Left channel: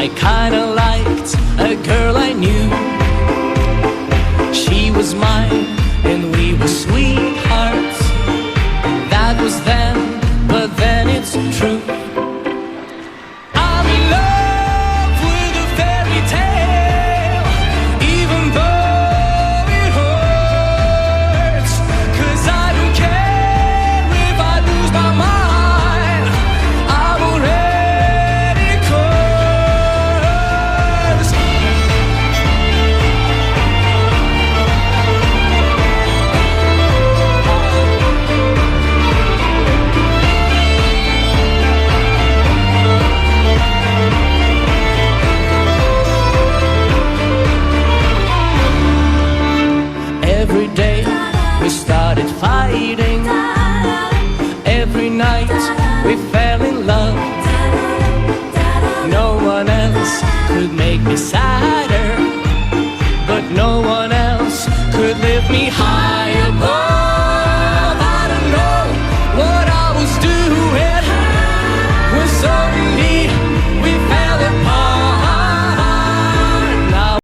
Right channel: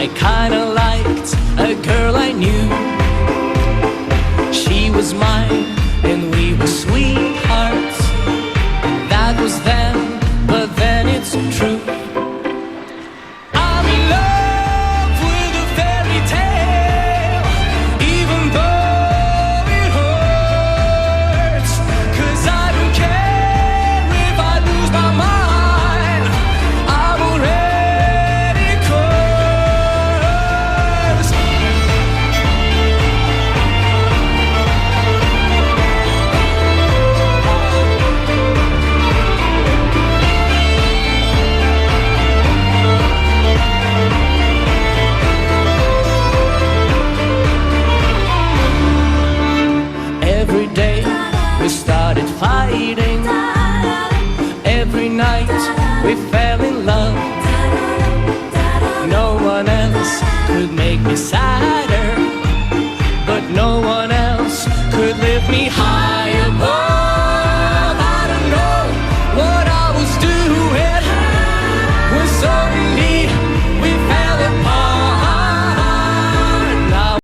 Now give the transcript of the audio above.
I kinda liked a girl I knew. She was mine and we were sweethearts. That was then, but then it's true. I'm in love with a fairy tale, even though it hurts. 'Cause I don't care if I lose my mind, I'm already cursed. Every day we started fighting. Every night we fell